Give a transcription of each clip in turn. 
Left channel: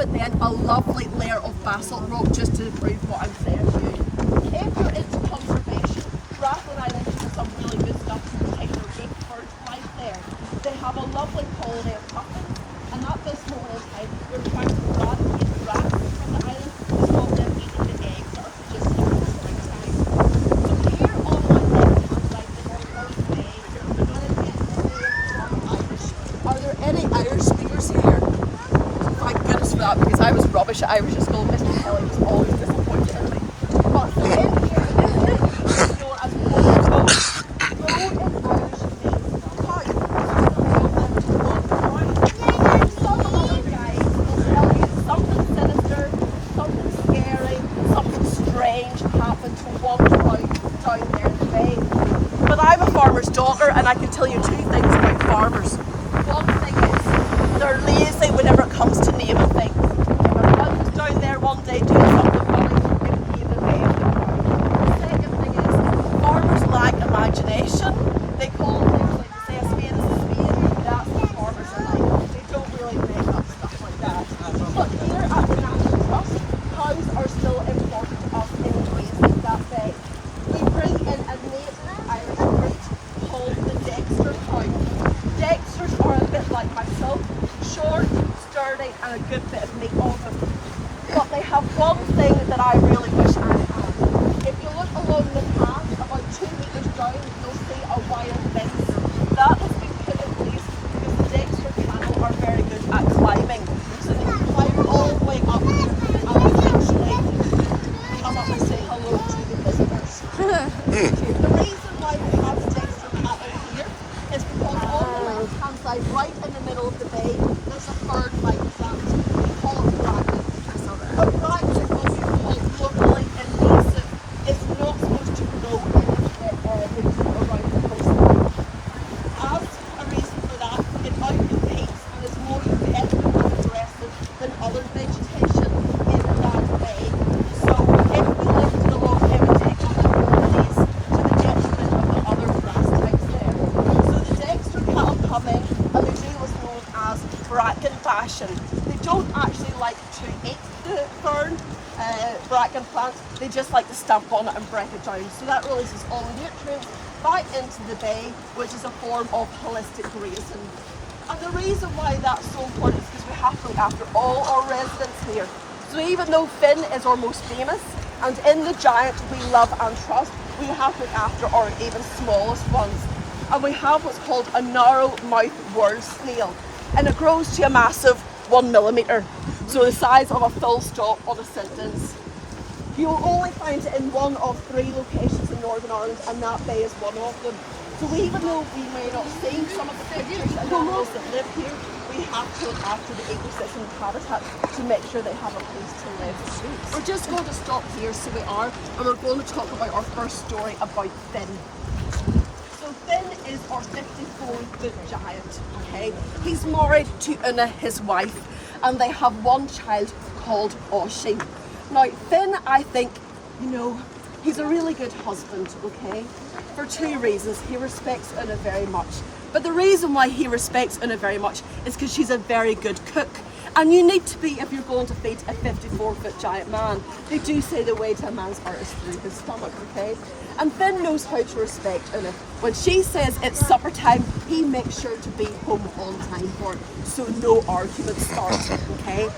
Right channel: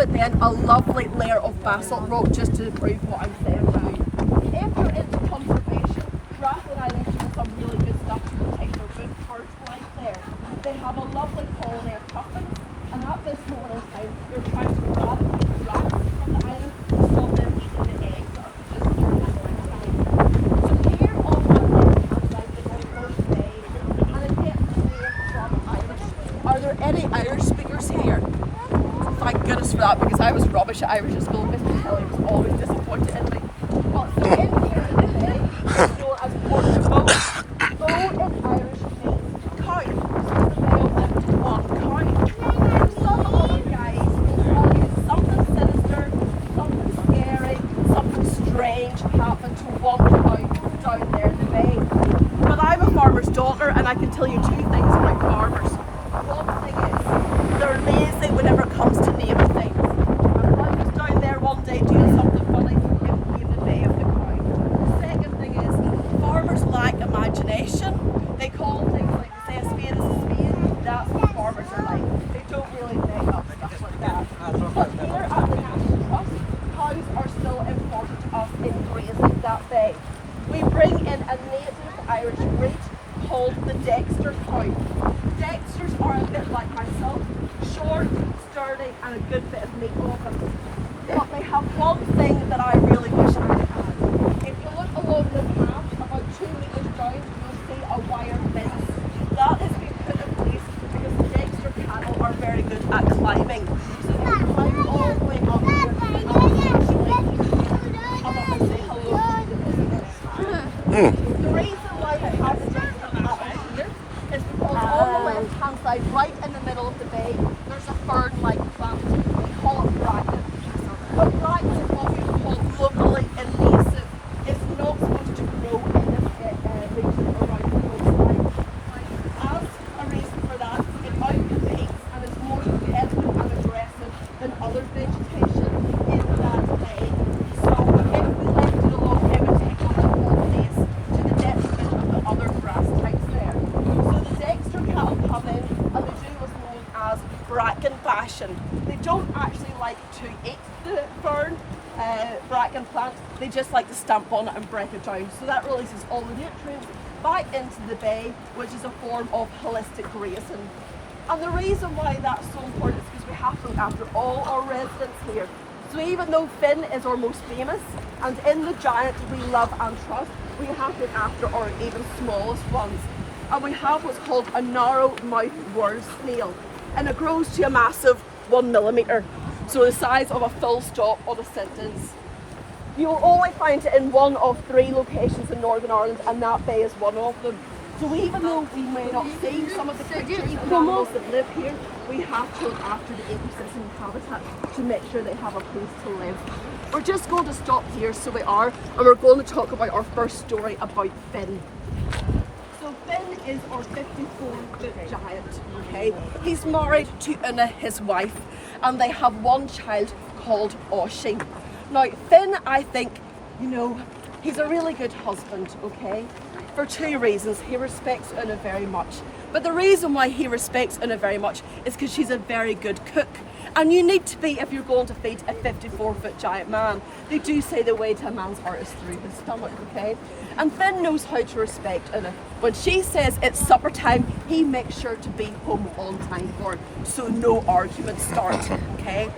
it then a lovely layer of basalt rock just to prove what I'm saying to you. If you're into conservation, Rathlin Island has some really good stuff to protect their good bird life there. They have a lovely colony of puffins, and at this moment in time, they're trying to eradicate the rats from the island to stop them eating the eggs that are produced there in the springtime. So here on my left hand side, the Causeway Bay, are there any Irish speakers here? Thank goodness for that, because I was rubbish at Irish at school. Mr. Kelly was always disappointed in me. But so in here in the bay, it's known as Causeway. Causeway in Irish means cow. Some other guys will tell you something sinister, something scary, something strange happened to one cow down there in the bay. But I'm a farmer's daughter, and I can tell you two things about farmers. One thing is, they're lazy whenever it comes to naming things. I was down there one day doing something funny, it gave the name of the cow. The second thing is, farmers lack imagination. They call things like, they say a spade is a spade. That's what farmers are like. They don't really make up stuff like that. But here at the National Trust, cows are still important to us in grazing that bay. We bring in a native Irish breed called the Dexter cow. Dexters are a bit like myself, short, sturdy, and a good bit of meat on them. But they have one thing that I really wish I had. If you look along the path, about 2 meters down, you'll see a wire fence. That has been put in place because the Dexter cattle are very good at climbing. So they can climb all the way up here and eventually come up and say hello to the visitors. The reason why we have Dexter cattle here is because on the left hand side, right in the middle of the bay, there's a bird-like plant. We call it bracken. Locally invasive. It's not supposed to grow in region around the coastline. As a reason for that, it outcompetes and is more competitive and aggressive than other vegetation in that bay. So if we left it alone, it would take on the qualities to the detriment of the other grass types there. So the Dexter cattle come in, and the deal is known as bracken bashing. They don't actually like to eat the fern, bracken plant, they just like to stamp on it and break it down. So that releases all the nutrients back into the bay, which is a form of holistic grazing. And the reason why that's so important is because we have to look after all our residents here. So even though Finn is our most famous, and in the giant we love and trust, we have to look after our even smallest ones. And we have what's called a narrow-mouthed word snail, and it grows to a massive 1 millimetre, so the size of a full stop on a sentence. You'll only find it in one of 3 locations in Northern Ireland, and that bay is one of them. So even though we may not see some of the creatures and animals that live here, we have to look after the ecosystem and habitat to make sure they have a place to live. We're just going to stop here, so we are, and we're going to talk about our first story about Finn. So Finn is our 54-foot giant, okay? He's married to Una, his wife, and they have one child called Oisin. Now, Finn, I think, he's a really good husband, okay? For 2 reasons. He respects Una very much. But the reason why he respects Una very much is because she's a very good cook. And you need to be if you're going to feed a 54-foot giant man. They do say the way to a man's heart is through his stomach, okay? And Finn knows how to respect Una. When she says it's supper time, he makes sure to be home on time for it, so no arguments start, okay?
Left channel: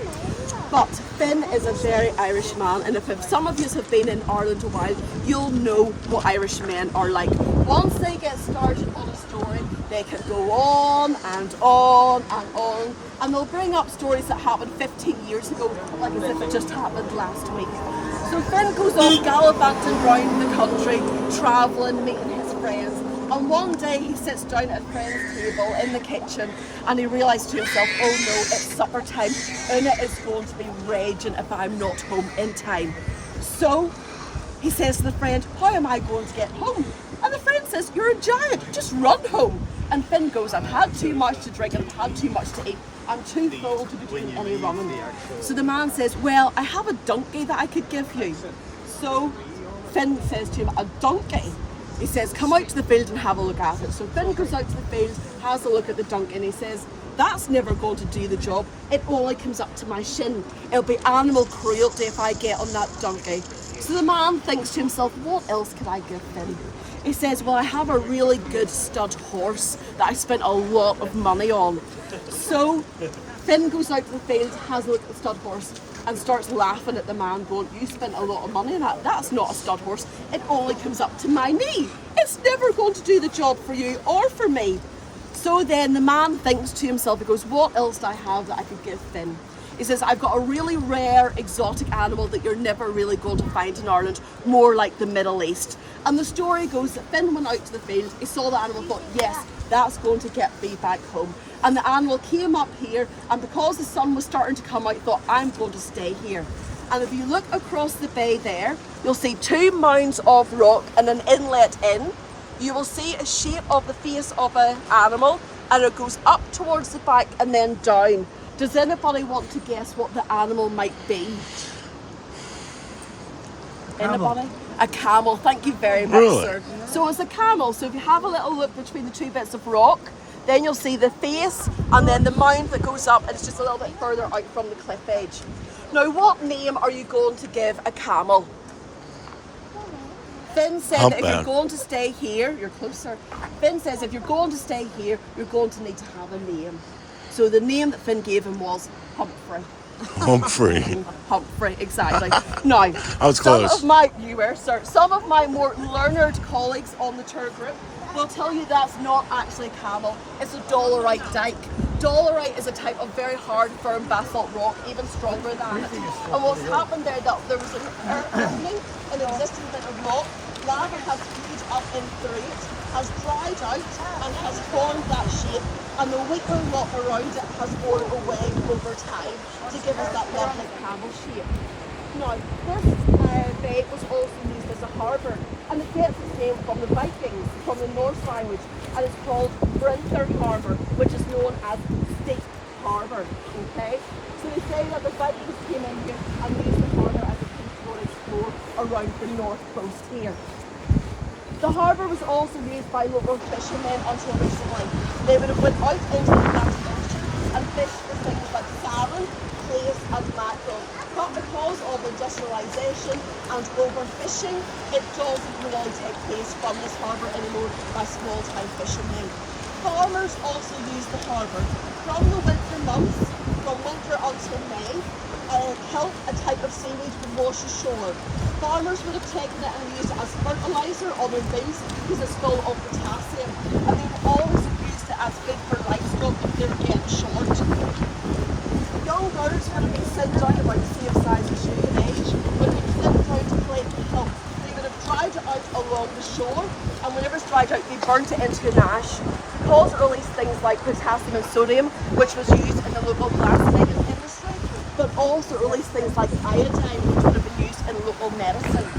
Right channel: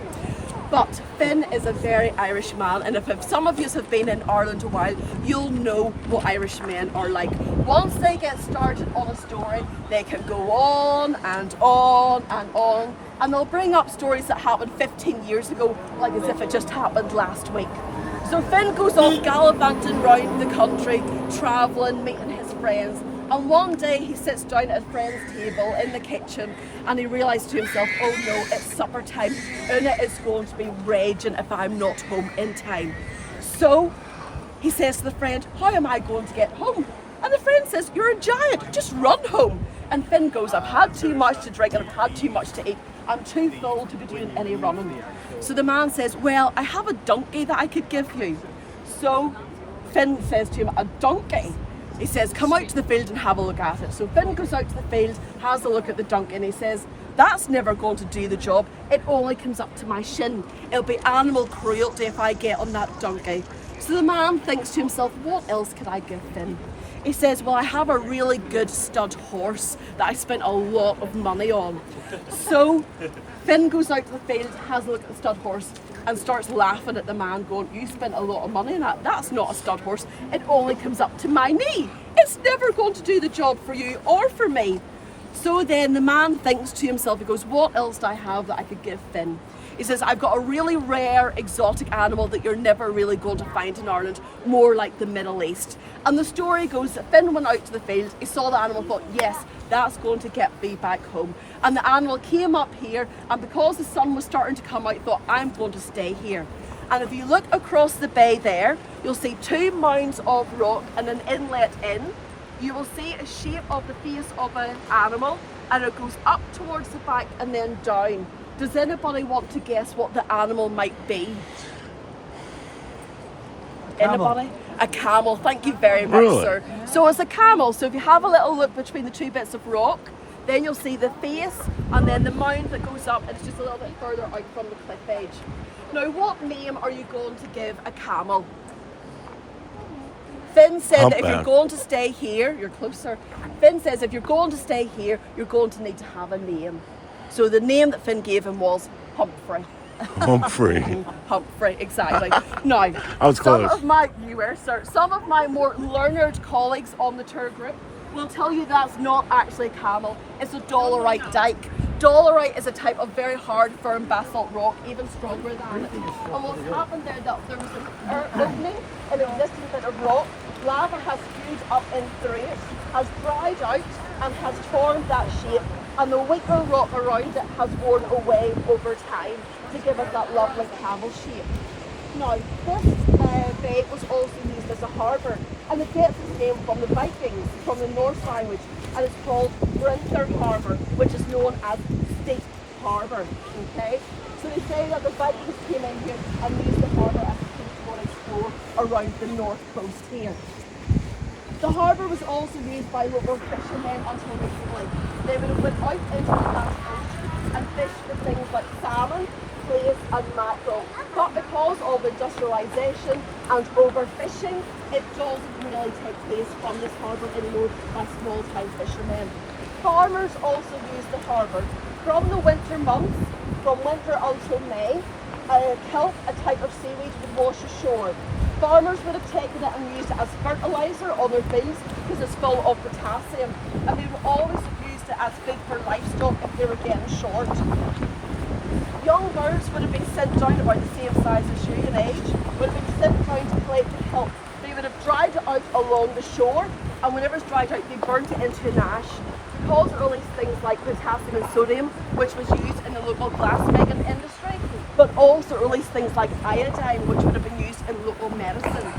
But Finn is a very Irish man, and if some of you have been in Ireland a while, you'll know what Irish men are like. Once they get started on a story, they can go on and on and on, and they'll bring up stories that happened 15 years ago, like as if it just happened last week. So Finn goes off gallivanting round the country, travelling, meeting his friends. And one day he sits down at a friend's table in the kitchen and he realised to himself, oh no, it's supper time. Una is going to be raging if I'm not home in time. So he says to the friend, how am I going to get home? And the friend says, you're a giant, just run home. And Finn goes, I've had too much to drink and I've had too much to eat. I'm too full to be doing any running. So the man says, well, I have a donkey that I could give you. So Finn says to him, a donkey? He says, come out to the field and have a look at it. So Finn goes out to the field, has a look at the donkey, and he says, That's never going to do the job. It only comes up to my shin. It'll be animal cruelty if I get on that donkey. So the man thinks to himself, what else could I give Finn? He says, well, I have a really good stud horse that I spent a lot of money on. So Finn goes out to the field, has a look at the stud horse, and starts laughing at the man, going, you spent a lot of money on that. That's not a stud horse. It only comes up to my knee. It's never going to do the job for you or for me. So then the man thinks to himself, he goes, what else do I have that I could give Finn? He says, I've got a really rare exotic animal that you're never really going to find in Ireland, more like the Middle East. And the story goes that Finn went out to the field, he saw the animal, thought, yes, that's going to get me back home. And the animal came up here, and because the sun was starting to come out, thought, I'm going to stay here. And if you look across the bay there, you'll see 2 mounds of rock and an inlet in. You will see a shape of the face of an animal, and it goes up towards the back and then down. Does anybody want to guess what the animal might be? Anybody? A camel. Thank you very much, sir. So it's a camel. So if you have a little look between the 2 bits of rock, then you'll see the face and then the mound that goes up, and it's just a little bit further out from the cliff edge. Now, what name are you going to give a camel? Finn said that if you're going to stay here, you're closer. Finn says if you're going to stay here, you're going to need to have a name. So the name that Finn gave him was Humphrey. Humphrey. Humphrey, exactly. Now, I was close. Some of my more learned colleagues on the tour group will tell you that's not actually a camel, it's a dolerite dike. Dolerite is a type of very hard, firm basalt rock, even stronger than it. And what's happened there, that there was an opening, an existing bit of rock, lava has fused up in through it, has dried out and has formed that shape, and the weaker rock around it has worn away over time to give us that lovely camel shape. Now, this bay was also used as a harbour, and it gets its name from the Vikings, from the Norse language, and it's called Brinther Harbour, which is known as Steep Harbour. Okay, so they say that the Vikings came in here and used the harbour as a key to explore around the north coast here. The harbour was also used by local fishermen until recently. They would have went out into the Atlantic Ocean and fished for things like salmon, plaice and mackerel. But because of industrialisation and overfishing, it doesn't really take place from this harbour anymore by small-time fishermen. Farmers also use the harbour from the winter months, from winter until May. Kelp, a type of seaweed, wash ashore. Farmers would have taken it and used it as fertiliser on their bees because it's full of potassium, and they would always have used it as food for livestock if they were getting short. Young girls would have been sent down about the same size as you in age, would have been sent down to play kelp. They would have dried it out along the shore, and whenever it's dried out, they burnt it into an ash because it released things like potassium and sodium, which was used in the local glassmaking industry, but also released things like iodine, which would have been used in local medicine.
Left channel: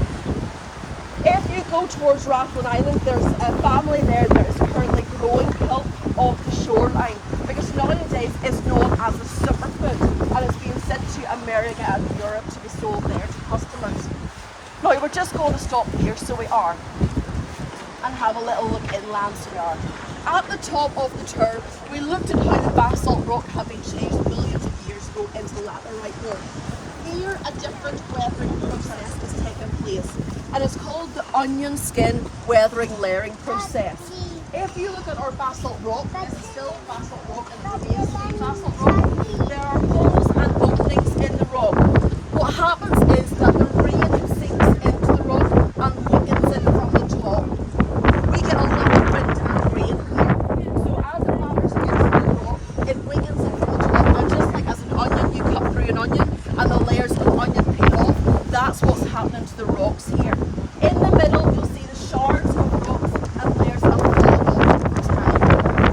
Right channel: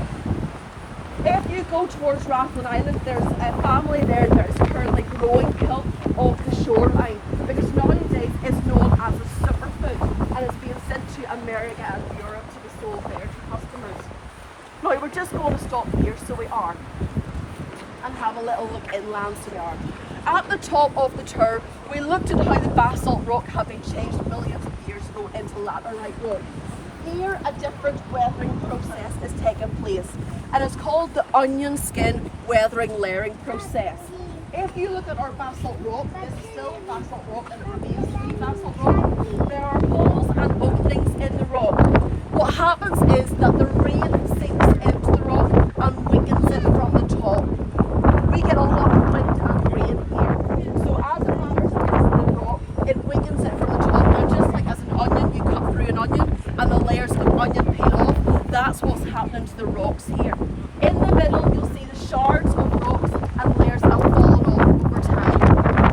If you go towards Rathlin Island, there's a family there that is currently growing kelp off the shoreline, because nowadays it's known as a superfood, and it's being sent to America and Europe to be sold there to customers. Now, we're just going to stop here, so we are, and have a little look inland, so we are. At the top of the tour, we looked at how the basalt rock had been changed millions of years ago into laterite rock. Here, a different weathering process is taking place, and it's called the onion skin weathering layering process. If you look at our basalt rock, this is still basalt rock and it remains to be basalt rock. There are holes and openings in the rock. What happens is that the rain sinks into the rock and weakens it from the top. We get a lot of wind and rain here. So as it hammers into the rock, it weakens it from the top. Now, just like as an onion, you cut through an onion and the layers of onion peel off, that's what's happening to the rocks here. In the middle, you'll see the shards of rocks and layers that fall off time.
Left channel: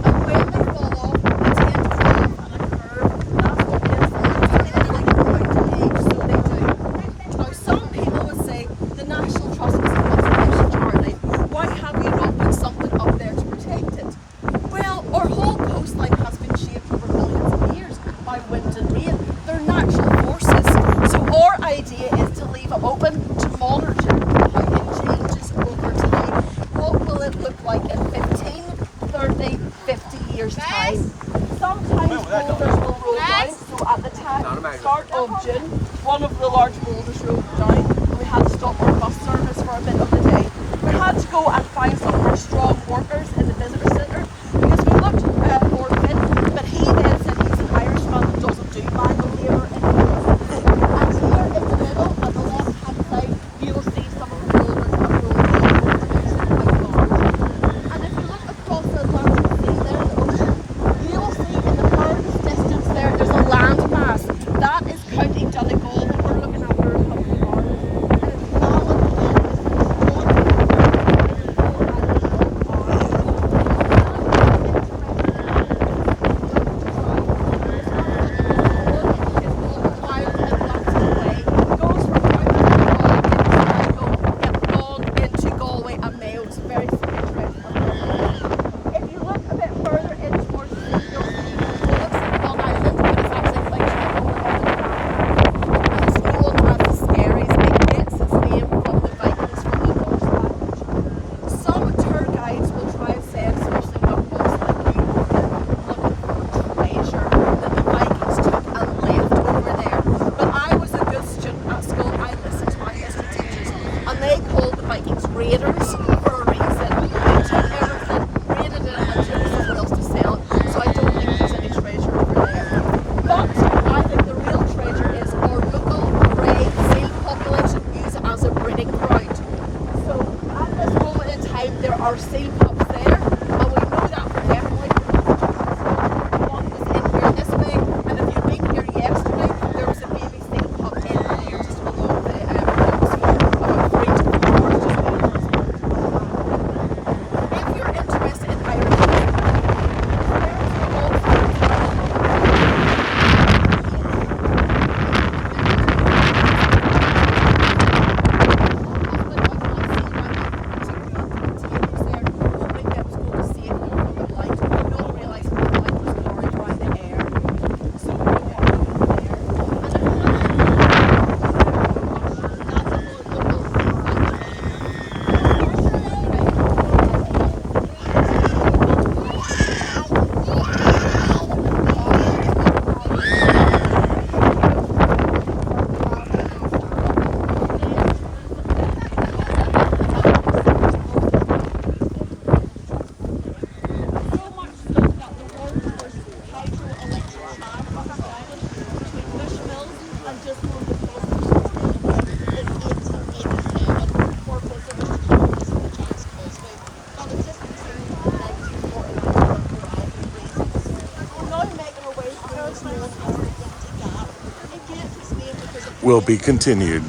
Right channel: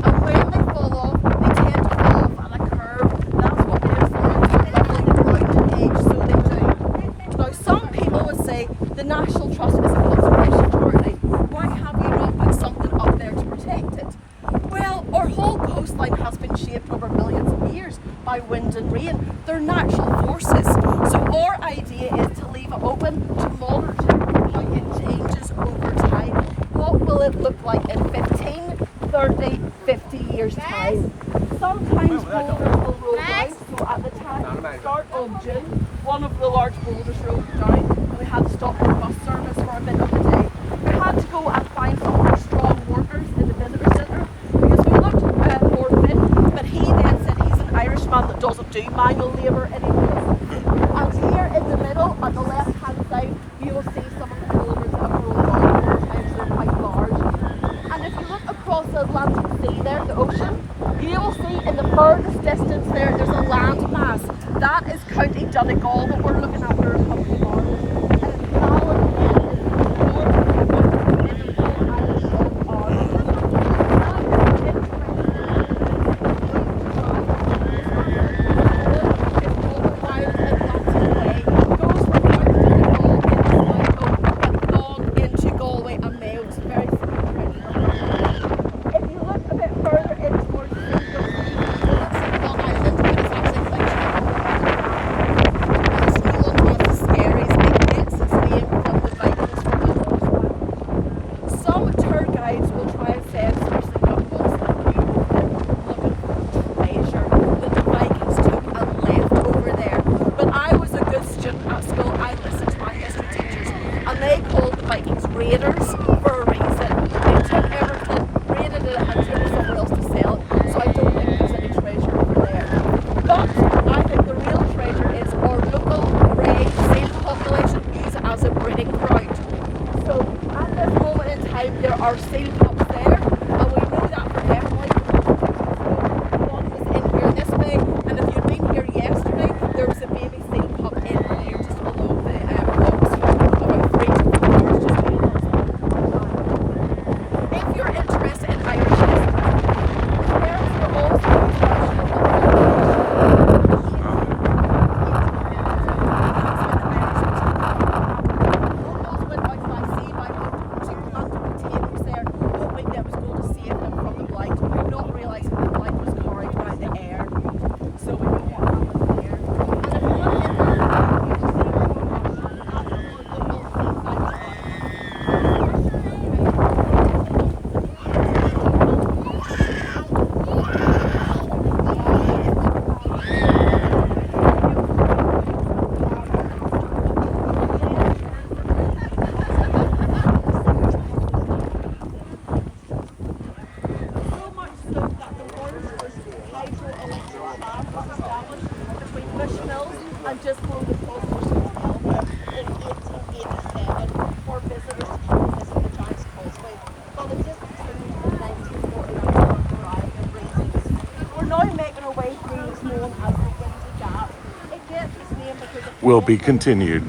And when they fall off, they tend to fall off at a curve. That's what gives them like a mountain edge, so they do. Now, some people would say the National Trust is a conservation charity. Why have we not put something up there to protect it? Well, our whole coastline has been shaped over millions of years by wind and rain. They're natural forces. So our idea is to leave it open to monitor how it changes over time. What will it look like in 15, 30, 50 years time? Sometimes June, one of the large boulders rolled down, and we had to stop our bus service for a bit of the day. We had to go and find some of our strong workers in the visitor centre because we looked at Morgan, but he then said he's an Irishman that doesn't do manual labour anymore. And here in the middle, on the left-hand side, you will see some of the boulders that have rolled down over the house. They're quite large. And if you look across the Atlantic Sea there, the ocean, you will see in the furthest distance there is a land mass. That is County Donegal that we're looking at. We're raiders for a reason. They took everything, raided it, and took something else to sell it. So I don't think there's any treasure over there. But I think the real treasure is our local grey seal population use it as a breeding ground. So at this moment in time there are seal pups there, and we know that for definitely. One was in here this way, and if you've been here yesterday, there was a baby seal pup in here just below the rocks, about 3 to 4 hours just below. If you're interested in Irish history, and just below the Causeway in 1887 for visitors to come and visit the Giant's Causeway. But it just continued in 1949 for a variety of reasons. We're now making our way through known as the Empty Gap. It gets its name because Will be continued.